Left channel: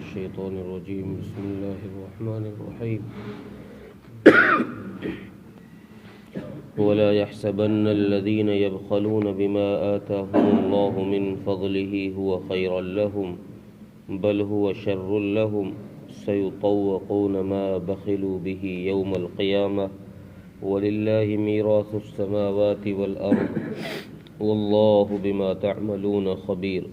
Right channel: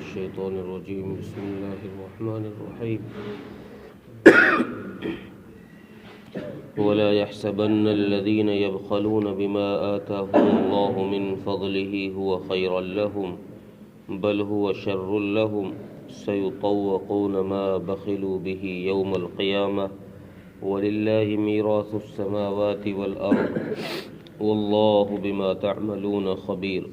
الشيطان الرجيم بسم الله الرحمن الرحيم ولا يحسبن الذين يبخلون بما آتاهم الله من فضله هو خيرا لهم بل هو شر لهم سيطوقون ما بخلوا به يوم القيامة ولله ميراث السماوات والأرض والله بما تعملون خبير.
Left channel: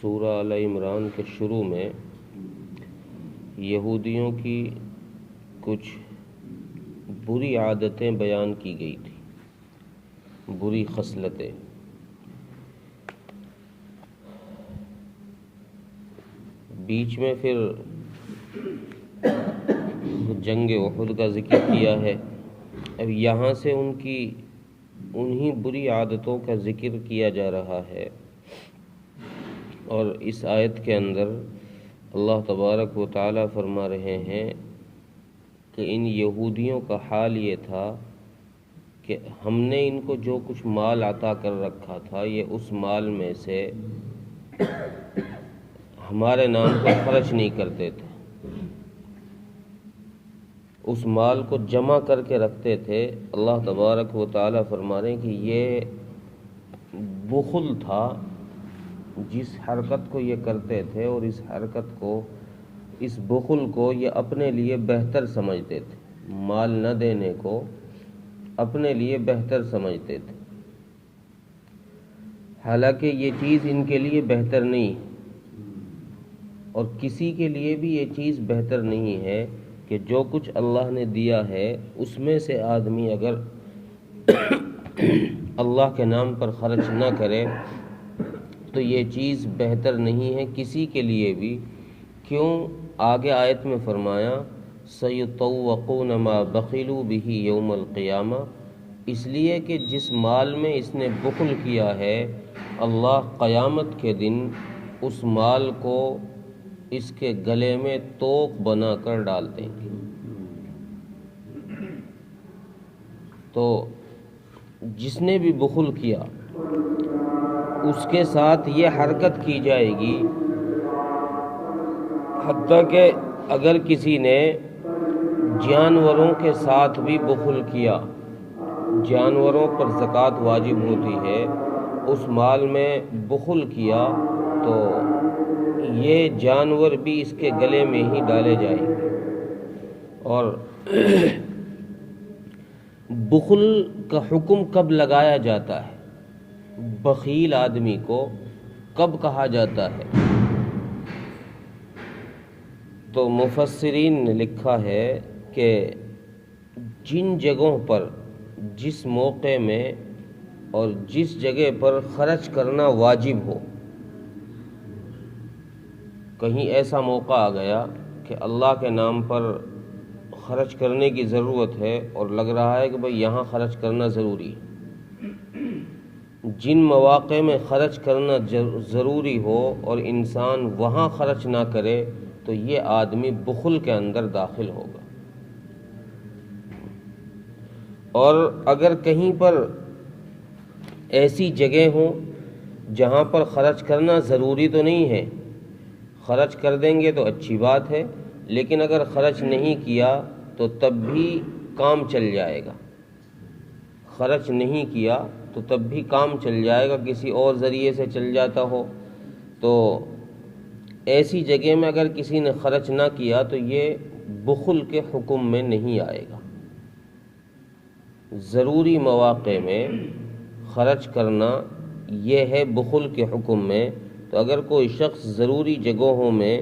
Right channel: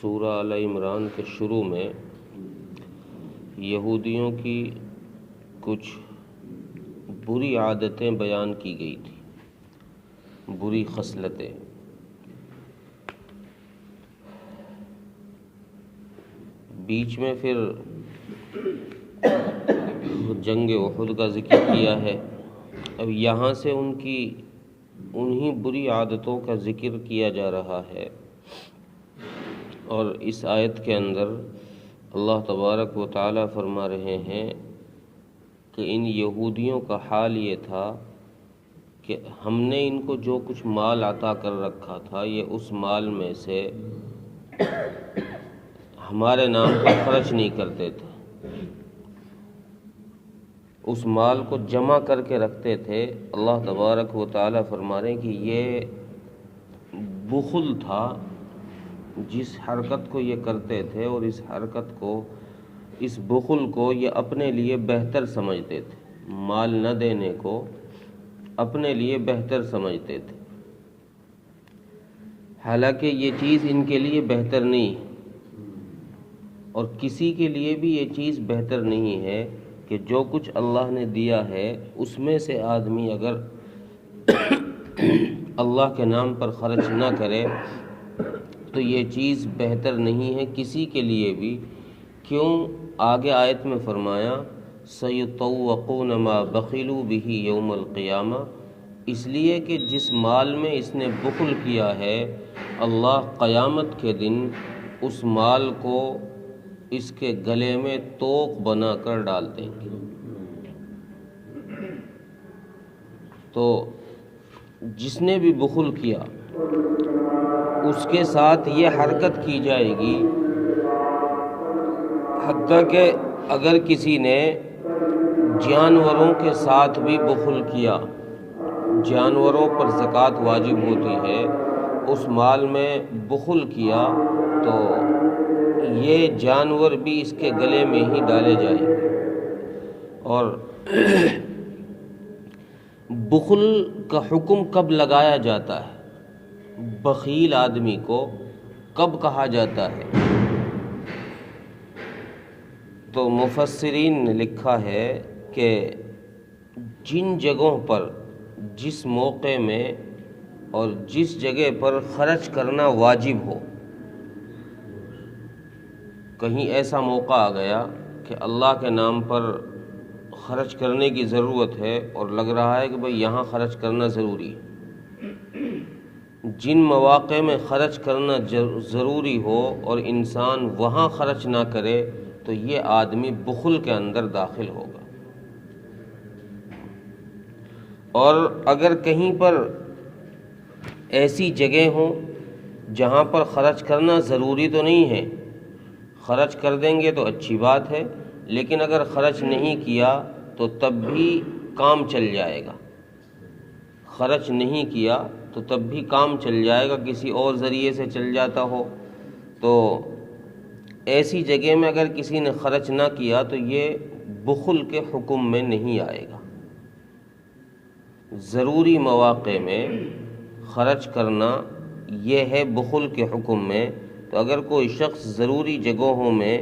سورہ آل عمران کے شروع میں یہودیوں کی کچھ بری عادتیں بیان کی گئی تھی، بری خصلتیں. بیچ میں پھر جنگ احد کا ذکر کیا ہے. اب یہاں سے انہی بری عادتوں کا ذکر کیا جا رہا ہے، اور اس آیت کے اندر اللہ تبارک و تعالی فرما رہے ہیں کہ ان یہودیوں کا حال یہ تھا کہ ہم نے ان کو جو کچھ مال عطا کر رکھا تھا یہ اس مال میں سے ہمارے نام پر خرچ نہیں کرتے تھے، اس مال کو جمع کر کے رکھتے تھے. اللہ تبارک و تعالی فرما رہے ہیں کہ یہ بخل تھا جس حرکت کو یہ کرتے تھے، اور اس بخل کو یہ اپنے لیے بہتر سمجھتے تھے، مال نہ دینے کو اپنے لیے بہتر سمجھتے تھے، حالانکہ یہ چیز ان کے لیے بہتر نہیں ہے، اور کسی کے لیے بھی یہ چیز بہتر نہیں ہے کہ جو کچھ اللہ نے دیا ہے اس میں سے آدمی اگر اللہ کے نام پر خرچ نہ کرے تو یہ چیز بہتر نہیں ہے کسی کے لیے بھی. کیوں؟ آگے آیت میں فرمایا سَيُطَوَّقُونَ مَا بَخِلُوا بِهِ يَوْمَ الْقِيَامَةِ، اس لیے کہ جس مال میں اس نے بخل کیا ہے اللہ قیامت کے دن اس مال کو اس کے گلے میں توق بنا کر ڈال دیں گے. تو جس نے بھی بخل کیا اس کے ساتھ یہ حرکت کی جائے گی، حتیٰ کہ اگر کسی نے جانوروں کے ساتھ بھی بخل کیا، جانوروں پر زکوٰۃ واجب ہوتی ہے، اس مال میں بخل کیا تو یہ جانور بھی اس کے گلے میں ہی ڈالے جائیں گے. اور بخل کا حکم کب لگایا جاتا ہے، بخیل آدمی کو کب کہا جاتا ہے؟ تو مفسرین نے لکھا ہے کہ جن جگہوں پر، جس موقع میں اور جس جگہ پر خرچ کرنا واجب ہو، کہیں ایسا موقع آ گیا کہ اللہ کے نام پر خرچ کرنے کی ضرورت ہے اور لگ رہا ہے کہ بھئی یہاں خرچ کرنا ضروری ہے، جن مواقع میں خرچ کرنا ضروری ہو اور انسان وہاں خرچ نہ کرے تو یہ آدمی بخل کے اندر داخل ہوگا. اور اگر کہیں پر ایسی جگہ ہوں جہاں پر خرچ کرنا ضروری تو نہیں ہے، خرچ کر دیں گے تو اچھی بات ہے، لیکن اگر خرچ نہیں کیا تو تب بھی کام چل جائے گا. خرچ نہیں کیا تو تب بھی کام چل جائے گا، کسی اور ذریعے سے چل جاتا ہو. تو ایسی جگہ میں اگر کسی نے خرچ نہ کیا تو یہ بخل کے حکم میں نہیں آئے گا. ضروری مواقع میں خرچ کرنا یہ ہے بخل کے حکم میں. تو اگر کوئی شخص ضروری جگہوں میں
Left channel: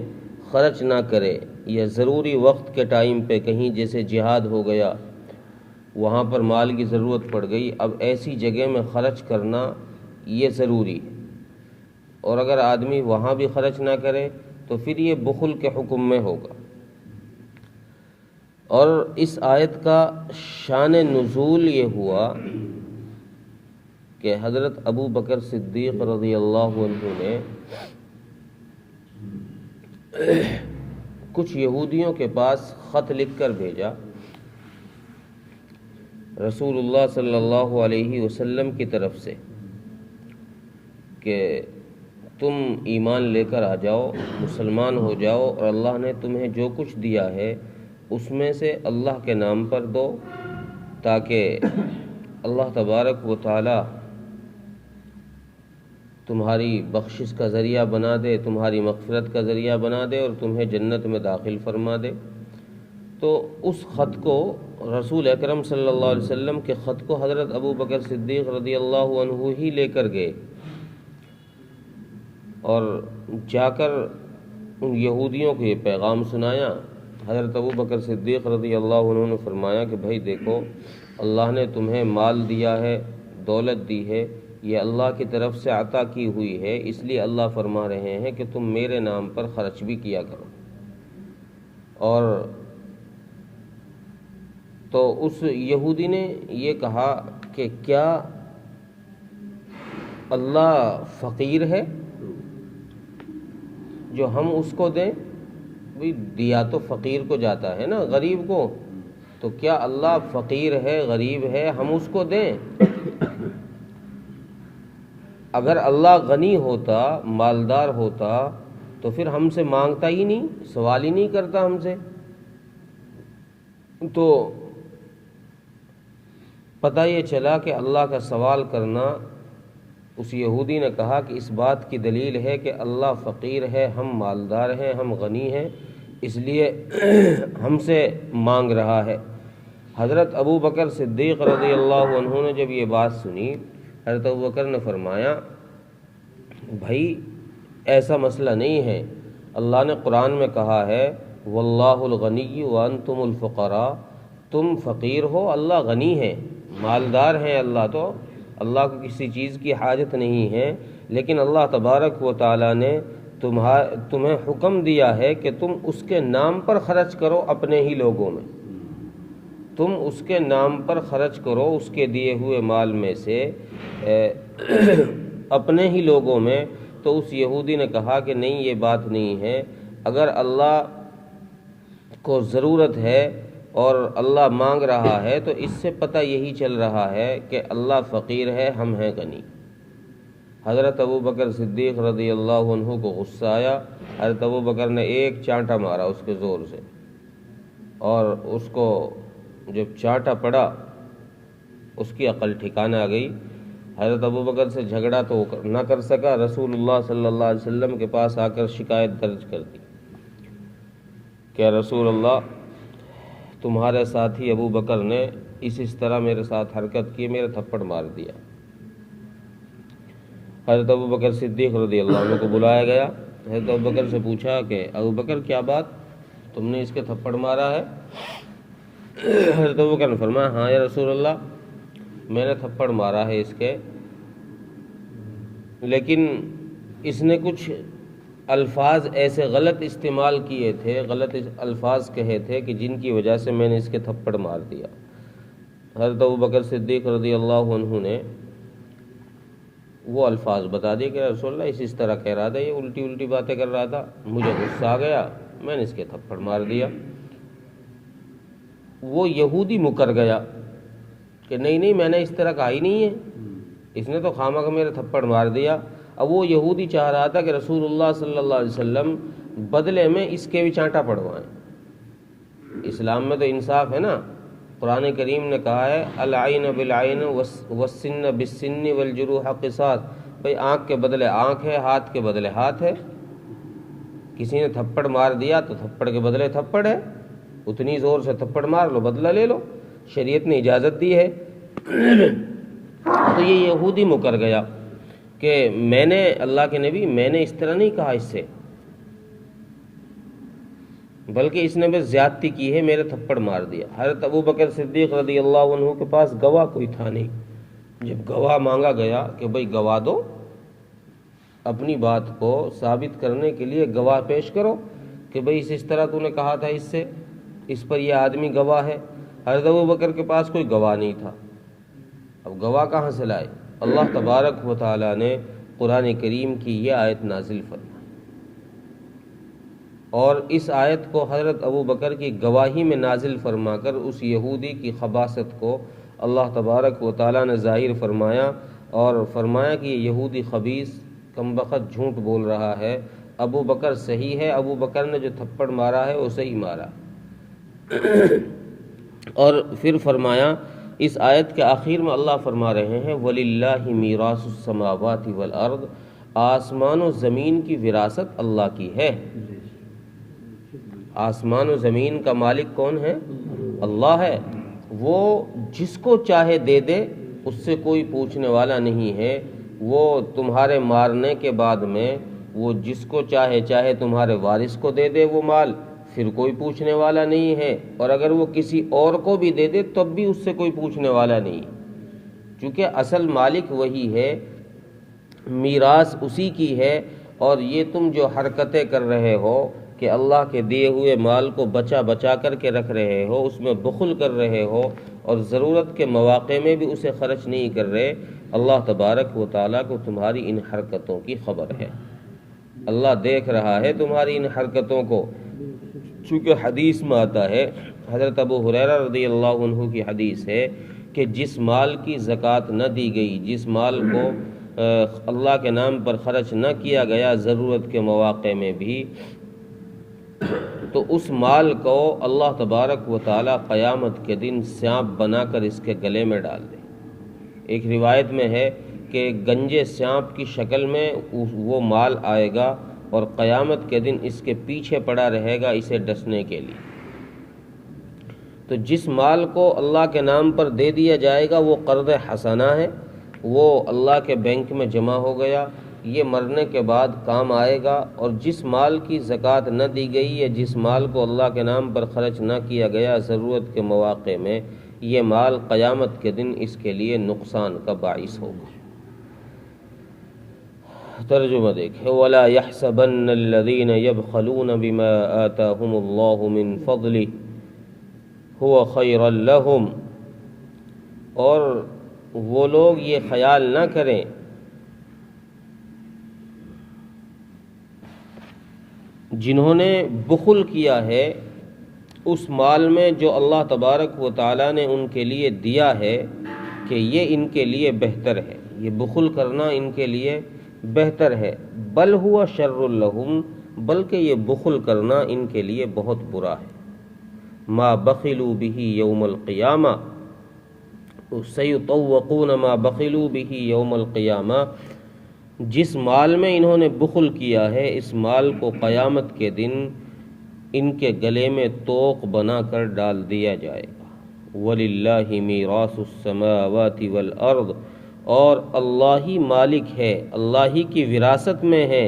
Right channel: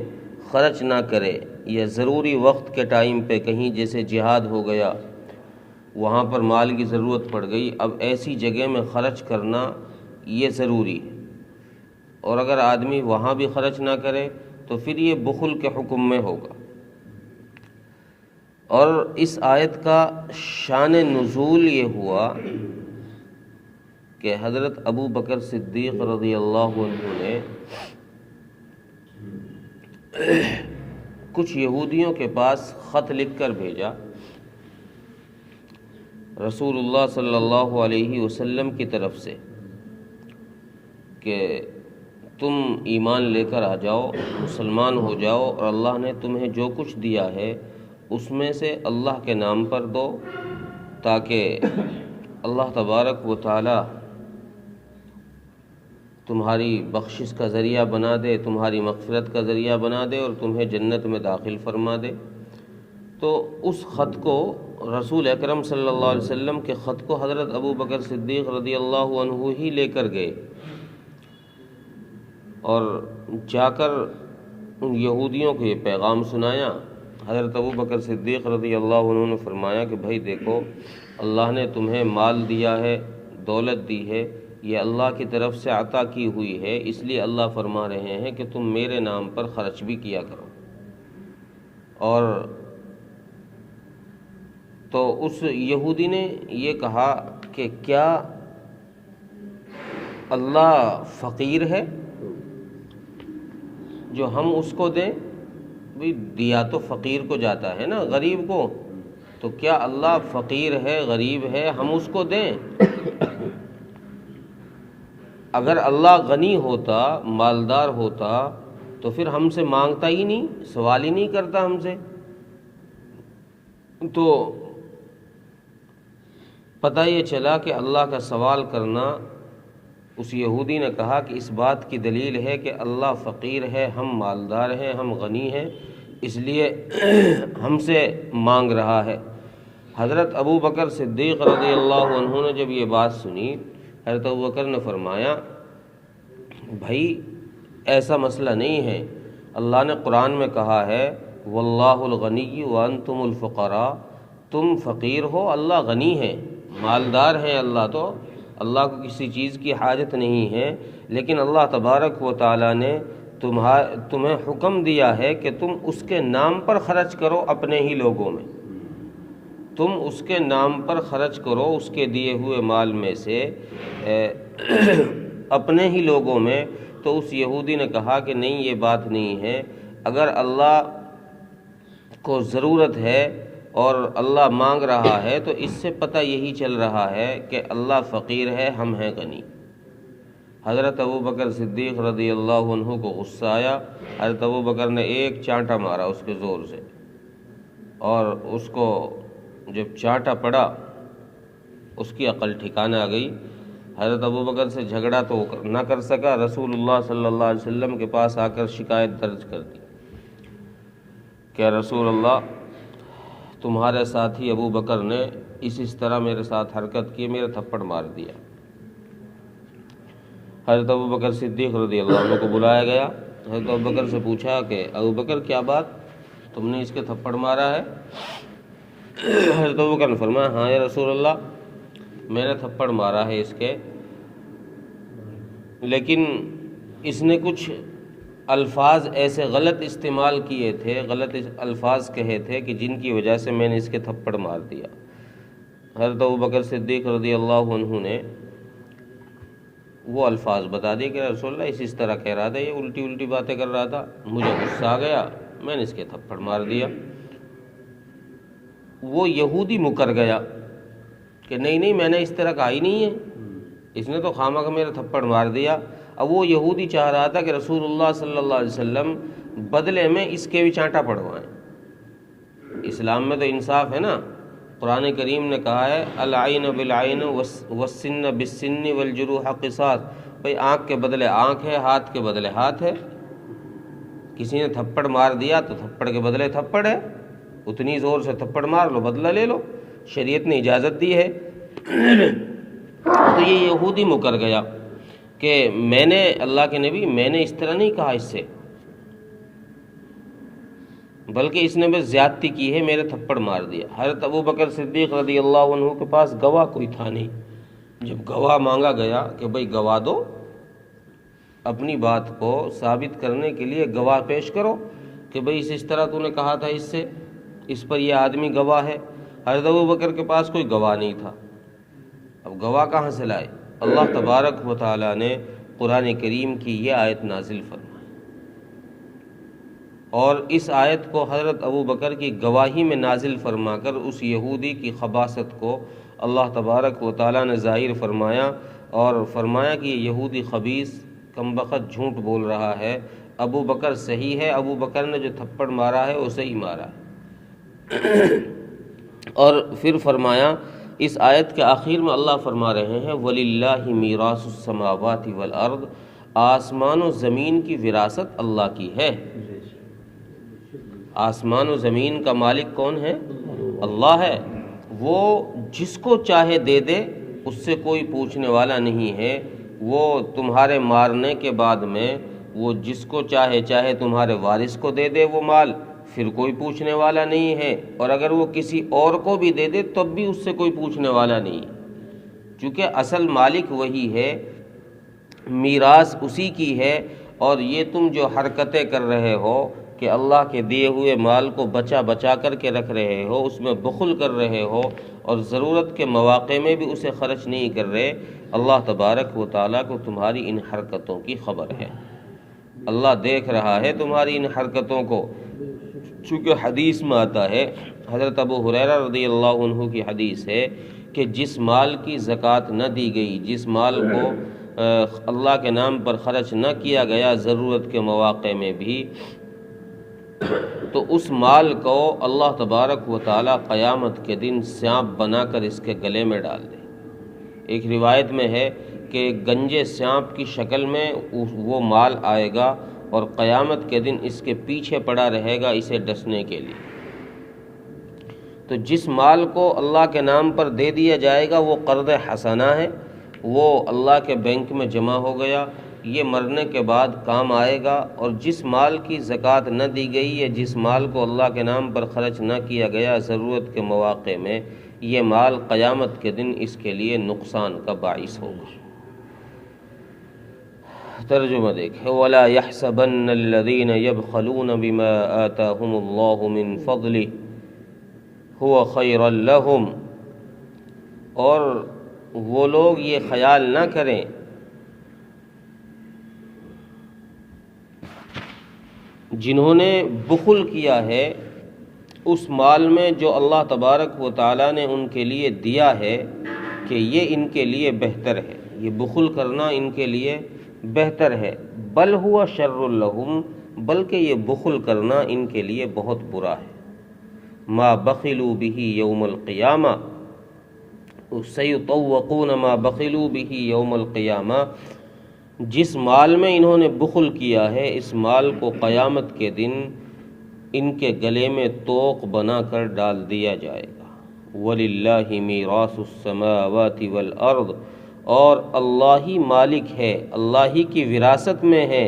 خرچ نہ کرے یا ضروری وقت کے ٹائم پہ کہیں جیسے جہاد ہو گیا، وہاں پر مال کی ضرورت پڑ گئی، اب ایسی جگہ میں خرچ کرنا یہ ضروری ہے، اور اگر آدمی وہاں بھی خرچ نہ کرے تو پھر یہ بخل کے حکم میں ہوگا. اور اس آیت کا شان نزول یہ ہوا کہ حضرت ابو بکر صدیق رضی اللہ عنہ نے کچھ یہودیوں کے پاس خط لکھ کر بھیجا رسول اللہ صلی اللہ علیہ وسلم کی طرف سے کہ تم ایمان لے کر آ جاؤ، مسلمان ہو جاؤ، اور اللہ نے تمہیں جو کچھ دیا ہے اس میں سے اللہ کے نام پر دو، تاکہ اللہ تبارک و تعالی تمہاری بخشش کا ذریعہ بنا دے، تمہاری مغفرت کا ذریعہ بنا دے اور تمہیں جنت میں داخل فرما دے۔ تو اس خط کو، رسول اکرم صلی اللہ علیہ وسلم کے خط کو حضرت ابو بکر صدیق رضی اللہ عنہ ہی لے کر گئے، اور جا کر ان یہودیوں کو یہ پیغام سنایا۔ حضرت ابو بکر صدیق رضی اللہ عنہ نے فرمایا کہ بھائی دیکھو، اللہ نے تمہیں مال دیا ہے، دولت دی ہے، یہ اللہ کی طرف سے عطا کی ہوئی ہے، اس لیے اللہ فرما رہے ہیں کہ تم میرے نام پر خرچ بھی کیا کرو۔ اور تو اس یہودی نے یہ کہا کہ کیا اللہ فقیر ہے جو ہم اس کو دیں؟ بھی دیا تو فقیر کو جاتا ہے نا، غریب کو، تو کیا اللہ فقیر ہے، غریب ہے، ہم اس کو دیں؟ اگر اللہ غنی ہوتا، مالدار ہوتا تو پھر ہم سے مانگتا ہی نہیں، سوال ہی نہیں کرتا ہم سے۔ تو پتہ یہ چلا کہ اللہ کا سوال کرنا، اس یہودی نے کہا کہ اس بات کی دلیل ہے کہ اللہ فقیر ہے، ہم مالدار ہیں، ہم غنی ہیں، اس لیے ہم سے مانگ رہا ہے۔ حضرت ابو بکر صدیق رضی اللہ عنہ نے جب یہ بات سنی، حضرت ابو بکر نے فرمایا بھائی ایسا مسئلہ نہیں ہے، اللہ نے قرآن میں کہا ہے واللہ الغنی وانتم الفقراء، تم فقیر ہو، اللہ غنی ہے، مالدار ہے، اللہ تو اللہ کو کسی چیز کی حاجت نہیں ہے، لیکن اللہ تبارک و تعالیٰ نے تمہیں حکم دیا ہے کہ تم اس کے نام پر خرچ کرو، اپنے ہی لوگوں میں تم اس کے نام پر خرچ کرو، اس کے دیے ہوئے مال میں سے اپنے ہی لوگوں میں۔ تو اس یہودی نے کہا کہ نہیں، یہ بات نہیں ہے، اگر اللہ کو ضرورت ہے اور اللہ مانگ رہا ہے تو اس سے پتہ یہی چل رہا ہے کہ اللہ فقیر ہے، ہم ہیں غنی۔ حضرت ابو بکر صدیق رضی اللہ عنہ کو غصہ آیا، حضرت ابو بکر نے ایک چانٹا مارا اس کے زور سے، اور اس کو جب چانٹا پڑا اس کی عقل ٹھکانے آ گئی۔ حضرت ابو بکر سے جھگڑا تو نہ کر سکا، رسول اللہ صلی اللہ علیہ وسلم کے پاس آ کر شکایت درج کر دی کہ رسول اللہ، تمہارے ساتھی ابو بکر نے اس طرح میرے ساتھ حرکت کی، میرے تھپڑ مار دیا۔ حضرت ابو بکر صدیق رضی اللہ عنہ کو بلایا گیا، حضرت ابو بکر سے پوچھا کہ ابو بکر کیا بات، تم نے اس کے تھپڑ مارا ہے؟ حضرت ابو بکر نے فرمایا ہاں یا رسول اللہ، میں نے تھپڑ مارا ہے اس کے، لیکن اس نے کچھ الفاظ ایسے غلط استعمال کیے تھے، غلط الفاظ کہے تھے کہ جن کی وجہ سے میں نے اس کے تھپڑ مار دیا۔ حضرت ابو بکر صدیق رضی اللہ عنہ نے وہ الفاظ بتا دیے کہ رسول اللہ اس طرح کہہ رہا تھا، یہ الٹی باتیں کر رہا تھا، مجھے غصہ آ گیا، میں نے اس کے تھپڑ مار دیا۔ وہ یہودی مکر گیا کہ نہیں میں نے اس طرح کہا ہی نہیں ہے، اس نے تو خامہ کا میرا تھپڑ مار دیا۔ اب وہ یہودی چاہ رہا تھا کہ رسول اللہ صلی اللہ علیہ وسلم بدلے میں اس کے بھی چانٹا پڑھوائیں۔ اسلام میں تو انصاف ہے نا، قرآن کریم نے کہا ہے العین بالعین والسن بالسن والجروح قصاص، بھئی آنکھ کے بدلے آنکھ ہے، ہاتھ کے بدلے ہاتھ ہے۔ کسی نے تھپڑ مار دیا تو تھپڑ کے بدلے تھپڑ ہے، اتنی زور سے تھپڑ مار لو، بدلہ لے لو، شریعت نے اجازت دی ہے۔ تو یہ یہودی مکر گیا کہ میں نے اللہ کے نبی، میں نے اس طرح نہیں کہا اس سے، بلکہ اس نے بس زیادتی کی ہے، میرے تھپڑ مار دیا۔ حضرت ابو بکر صدیق رضی اللہ عنہ کے پاس گواہ کوئی تھا نہیں، جب گواہ مانگا گیا کہ بھئی گواہ دو، اپنی بات کو ثابت کرنے کے لیے گواہ پیش کرو کہ بھئی اس طرح تو نے کہا تھا اس سے، اس پر یہ آدمی گواہ ہے۔ حضرت ابو بکر کے پاس کوئی گواہ نہیں تھا، اب گواہ کہاں سے لائے؟ اللہ تبارک و تعالیٰ نے قرآن کریم کی یہ آیت نازل فرمائی، اور اس آیت کو حضرت ابو بکر کی گواہی میں نازل فرما کر اس یہودی کی خباثت کو اللہ تبارک و تعالیٰ نے ظاہر فرمایا اور فرمایا کہ یہ یہودی خبیث کمبخت جھوٹ بول رہا ہے، ابو بکر صحیح ہے، ابو بکر نے جو تھپڑ مارا ہے وہ صحیح مارا ہے۔ اور پھر فرمایا اس آیت کے آخر میں اللہ فرما رہے ہیں وَلِلَّهِ مِيرَاثُ السَّمَاوَاتِ وَالْأَرْضِ، آسمان و زمین کی وراثت اللہ کی ہے۔ آسمان و زمین کا مالک کون ہے؟ اللہ ہے۔ وہ جس کو چاہے دے دے، اس سے کوئی پوچھنے والا نہیں ہے۔ وہ تمہارے مارنے کے بعد میں وہ جس کو چاہے تمہارے وارث کو دے دے وہ مال، پھر کوئی پوچھنے والا نہیں ہے، اور اگر وہ کسی اور کو بھی دے دے تب بھی اس سے کوئی پوچھنے والا نہیں، چونکہ اصل مالک وہی ہے، میراث اسی کی ہے۔ اور یہ تم جو حرکتیں کر رہے ہو کہ اللہ کے دیے ہوئے مال کو بچا کر کے رکھ رہے ہو، اس میں بخل کر رہے ہو اور ضرورت کے مواقع میں بھی اسے خرچ نہیں کر رہے، اللہ تبارک و تعالیٰ کو تمہاری ان حرکتوں کی خبر ہے۔ اللہ دیکھ رہا ہے تمہاری ان حرکتوں کو، چونکہ حدیث میں آتا ہے، حضرت ابو ہریرہ رضی اللہ عنہ کی حدیث ہے کہ جس مال کی زکوٰۃ نہ دی گئی، جس مال کو اللہ کے نام پر خرچ نہ کیا گیا ضرورت کے مواقع میں بھی، تو اس مال کو اللہ تبارک و تعالیٰ قیامت کے دن سانپ بنا کر اس کے گلے میں ڈال دے۔ ایک روایت میں ہے کہ گنجے سانپ کی شکل میں وہ مال آئے گا اور قیامت کے دن اس کے پیچھے پڑا رہے گا اسے ڈسنے کے لیے۔ تو جس مال کو اللہ کے نام پر دے دیا جائے گا وہ قرض حسنہ ہے، وہ اللہ کے بینک میں جمع ہو گیا، یہ مرنے کے بعد کام آئے گا۔ اور جس مال کی زکوٰۃ نہ دی گئی یا جس مال کو اللہ کے نام پر خرچ نہ کیا گیا ضرورت کے مواقع میں، یہ مال قیامت کے دن اس کے لیے نقصان کا باعث ہوگا۔ ترجمہ دیکھیں وَلَا يَحْسَبَنَّ الَّذِينَ يَبْخَلُونَ بِمَا آتَاهُمُ اللَّهُ مِنْ فَضْلِهِ هُوَ خَيْرًا لَهُمْ، اور وہ لوگ یہ خیال نہ کریں جنہوں نے بخل کیا ہے اس مال میں جو اللہ تبارک و تعالیٰ نے ان کے لیے دیا ہے کہ یہ ان کے لیے بہتر ہے، یہ بخل کرنا ان کے لیے بہتر ہے، بل ہوا شر لہم، بلکہ یہ بخل کرنا ان کے لیے بہت برا ہے۔ ما بخلوا به یوم القیامہ، سیطوقون ما بخلوا به یوم القیامہ، جس مال میں انہوں نے بخل کیا ہے اس مال کو قیامت کے دن ان کے گلے میں طوق بنا کر ڈال دیا جائے گا۔ وَلِلَّهِ مِيرَاثُ السَّمَاوَاتِ وَالْأَرْضِ، اور اللہ ہی مالک ہے، اللہ ہی کی وراثت میں ہے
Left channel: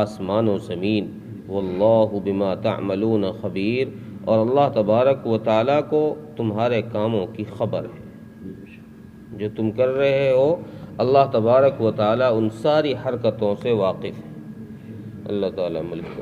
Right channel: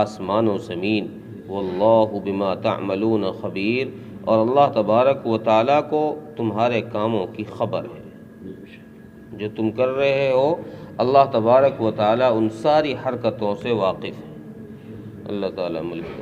آسمان و زمین۔ وَاللَّهُ بِمَا تَعْمَلُونَ خَبِيرٌ، اور اللہ تبارک و تعالیٰ کو تمہارے کاموں کی خبر ہے، جو تم کر رہے ہو اللہ تبارک و تعالیٰ ان ساری حرکتوں سے واقف ہے۔ اللہ تعالیٰ ملک